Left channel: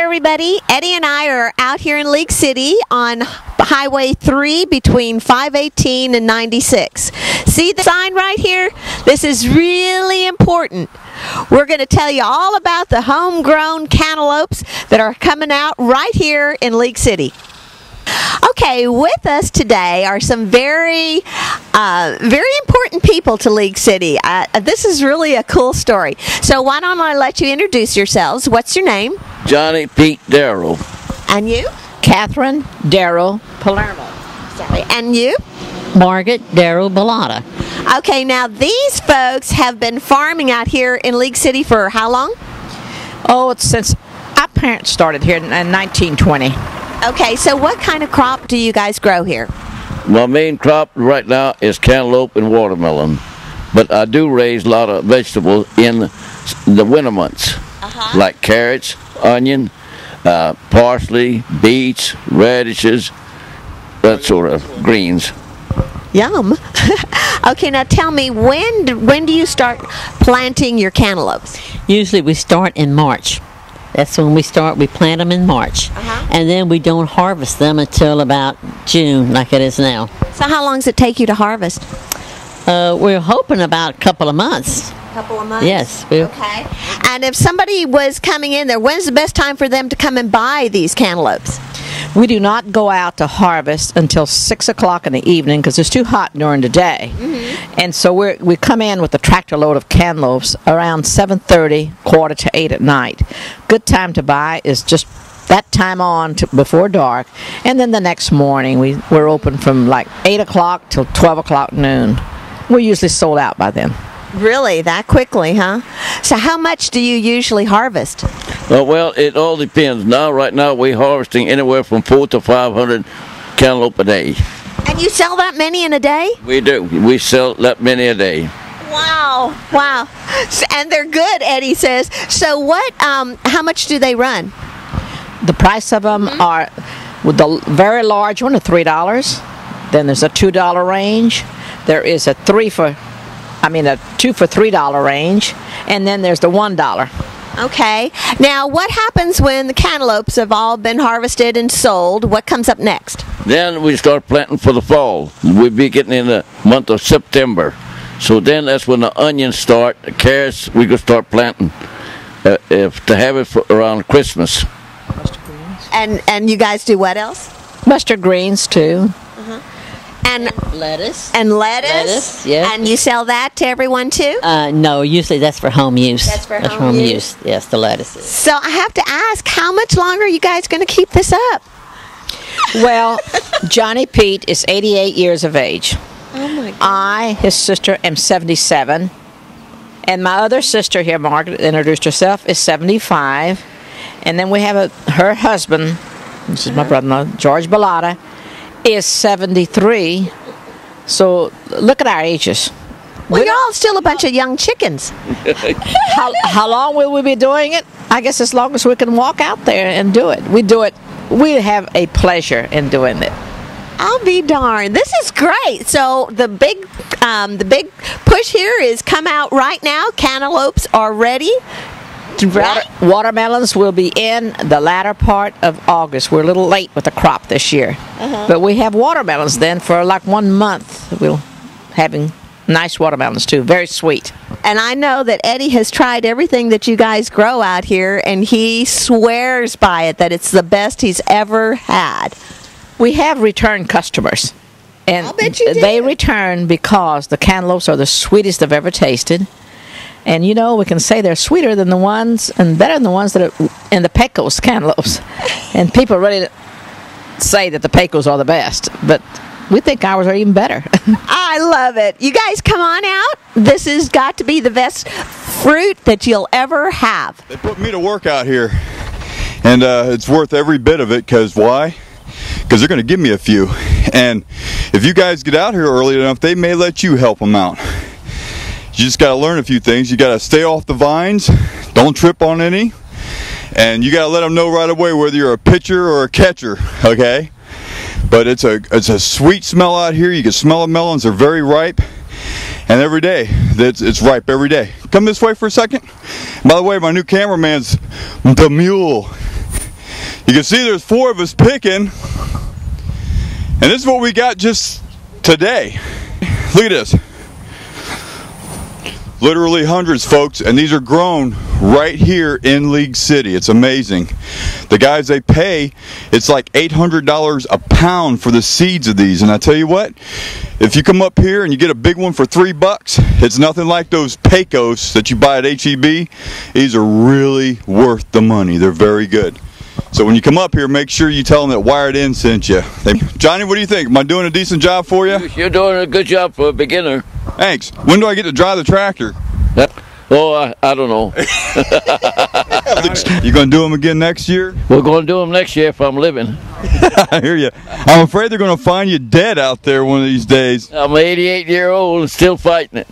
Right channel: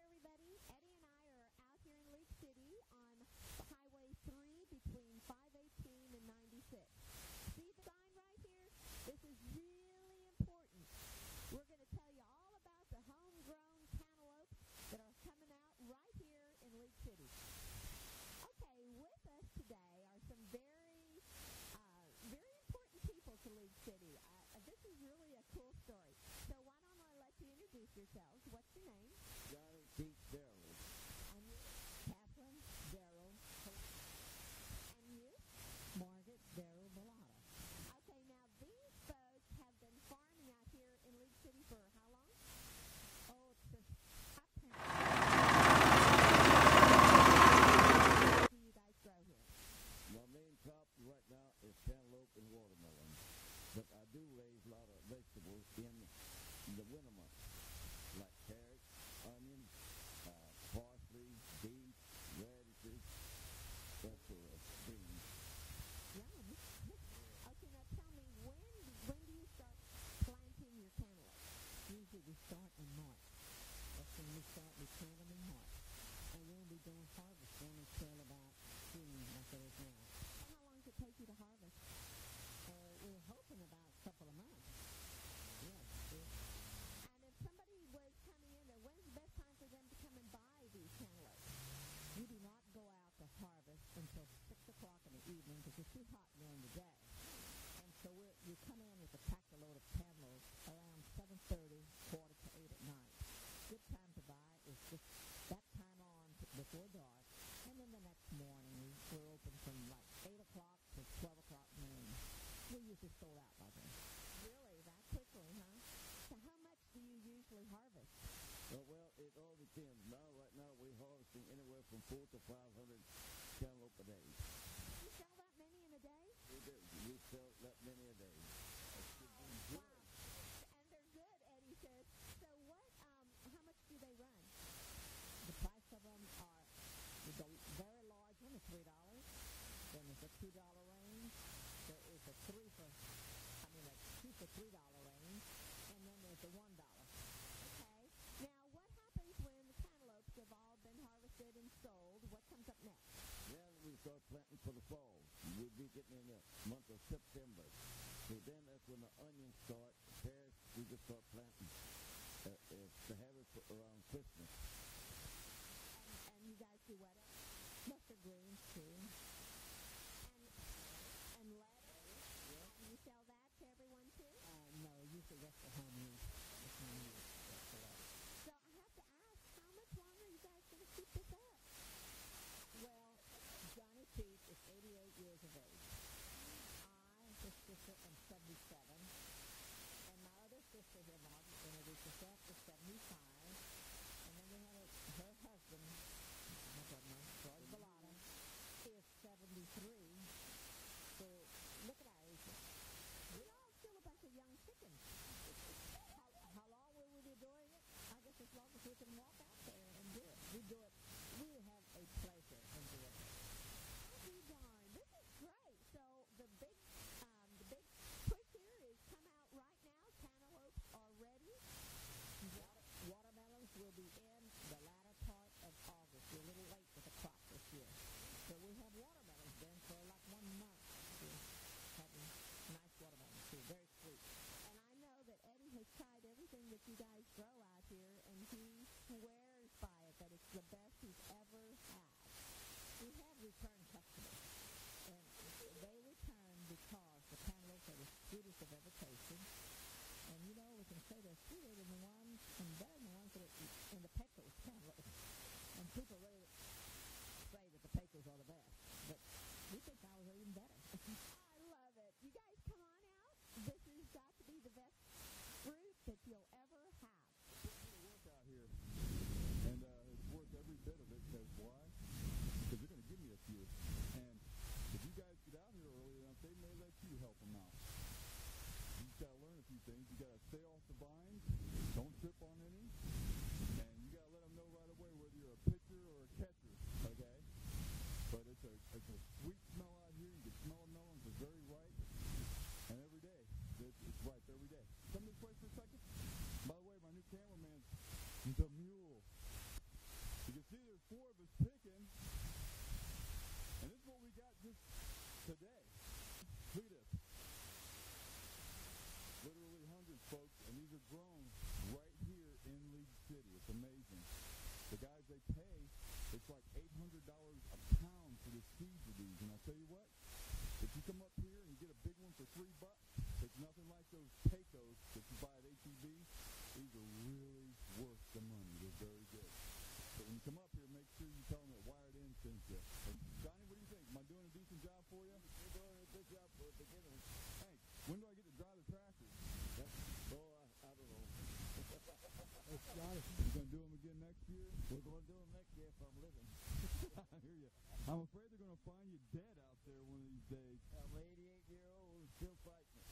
everybody. Eddie and I are out here in League City on Highway 3 between 518 and 96. See the sign right here? This is really important. We're going to tell you all about the homegrown cantaloupes that are coming out right here in League City. Okay, with us today are some very important people to League City. This is really a cool story. So why don't I let you introduce yourselves? What's your name? Johnnie Daro. And you? Catherine Palermo. Sorry. And you? Margaret Bilotta. Okay, now these folks have been farming out here in League City for how long? Oh, it's since our parents started here in 1920. Okay, so what kind of crop do you guys grow here? My main crop right now is cantaloupe and watermelon, but I do raise a lot of vegetables in the winter months, like carrots, onion, parsley, beets, radishes, that sort of greens. Yum. Okay, now tell me, when do you start planting your cantaloupes? Usually we start in March. That's when we start. We plant them in March. And then we don't harvest them until about June, like it is now. So how long does it take you to harvest? We're hoping about a couple of months. Couple of months? Yes. Okay. And if somebody was coming in there, when's the best time for them to come and buy these cantaloupes? We do not go out to harvest until 6 o'clock in the evening because it's too hot during the day. And so we come in with a tractor load of cantaloupes around 7:30, 7:45 at night. Good time to buy is just that time on before dark. And then the next morning we're open from like 8 o'clock till 12 o'clock noon. We're usually sold out by then. Really? That quickly, huh? So how much do you usually harvest? Well, it all depends. Right now we're harvesting anywhere from 400 to 500 cantaloupe a day. And you sell that many in a day? We do. We sell that many a day. Wow. Wow. And they're good, Eddie says. So what, how much do they run? The price of them are, with the very large one, $3. Then there's a $2 range. There is a $2 for $3 range, and then there's the $1. Okay. Now, what happens when the cantaloupes have all been harvested and sold? What comes up next? Then we start planting for the fall. We'll be getting in the month of September. So then that's when the onions start. The carrots, we can start planting to have it for around Christmas. And you guys do what else? Mustard greens, too. And lettuce. And lettuce? Lettuce, yeah. And you sell that to everyone, too? No, usually that's for home use. That's for home use? Yes, the lettuces. So I have to ask, how much longer are you guys going to keep this up? Well, Johnny Pete is 88 years of age. Oh, my God. I, his sister, am 77. And my other sister here, Margaret, introduced herself, is 75. And then we have her husband, this is my brother-in-law, George Bilotta, is 73. So look at our ages. Well, you're all still a bunch of young chickens. How long will we be doing it? I guess as long as we can walk out there and do it. We do it. We have a pleasure in doing it. I'll be darned. This is great. So the big push here is come out right now. Cantaloupes are ready. Watermelons will be in the latter part of August. We're a little late with the crop this year. But we have watermelons then for like 1 month. We'll having nice watermelons too, very sweet. And I know that Eddie has tried everything that you guys grow out here, and he swears by it that it's the best he's ever had. We have return customers. And I'll bet you do. They return because the cantaloupes are the sweetest I've ever tasted. And you know, we can say they're sweeter than the ones and better than the ones that are in the Pecos cantaloupes. And people really say that the Pecos are the best, but we think ours are even better. I love it. You guys come on out. This has got to be the best fruit that you'll ever have. They put me to work out here, and it's worth every bit of it. Because why? Because they're going to give me a few. And if you guys get out here early enough, they may let you help them out. You just got to learn a few things. You got to stay off the vines, don't trip on any, and you got to let them know right away whether you're a pitcher or a catcher, okay? But it's a sweet smell out here. You can smell the melons. They're very ripe, and every day it's ripe every day. Come this way for a second. By the way, my new cameraman's the mule. You can see there's 4 of us picking, and this is what we got just today. Look at this. Literally hundreds, folks, and these are grown right here in League City. It's amazing. The guys, they pay, it's like $800 a pound for the seeds of these, and I tell you what, if you come up here and you get a big one for $3, it's nothing like those Pecos that you buy at HEB. These are really worth the money. They're very good. So when you come up here, make sure you tell them that Wired In sent you. Johnny, what do you think? Am I doing a decent job for you? You're doing a good job for a beginner. Thanks. When do I get to drive the tractor? Oh, I don't know. You going to do them again next year? We're going to do them next year if I'm living. I hear you. I'm afraid they're going to find you dead out there one of these days. I'm 88-year-old and still fighting it.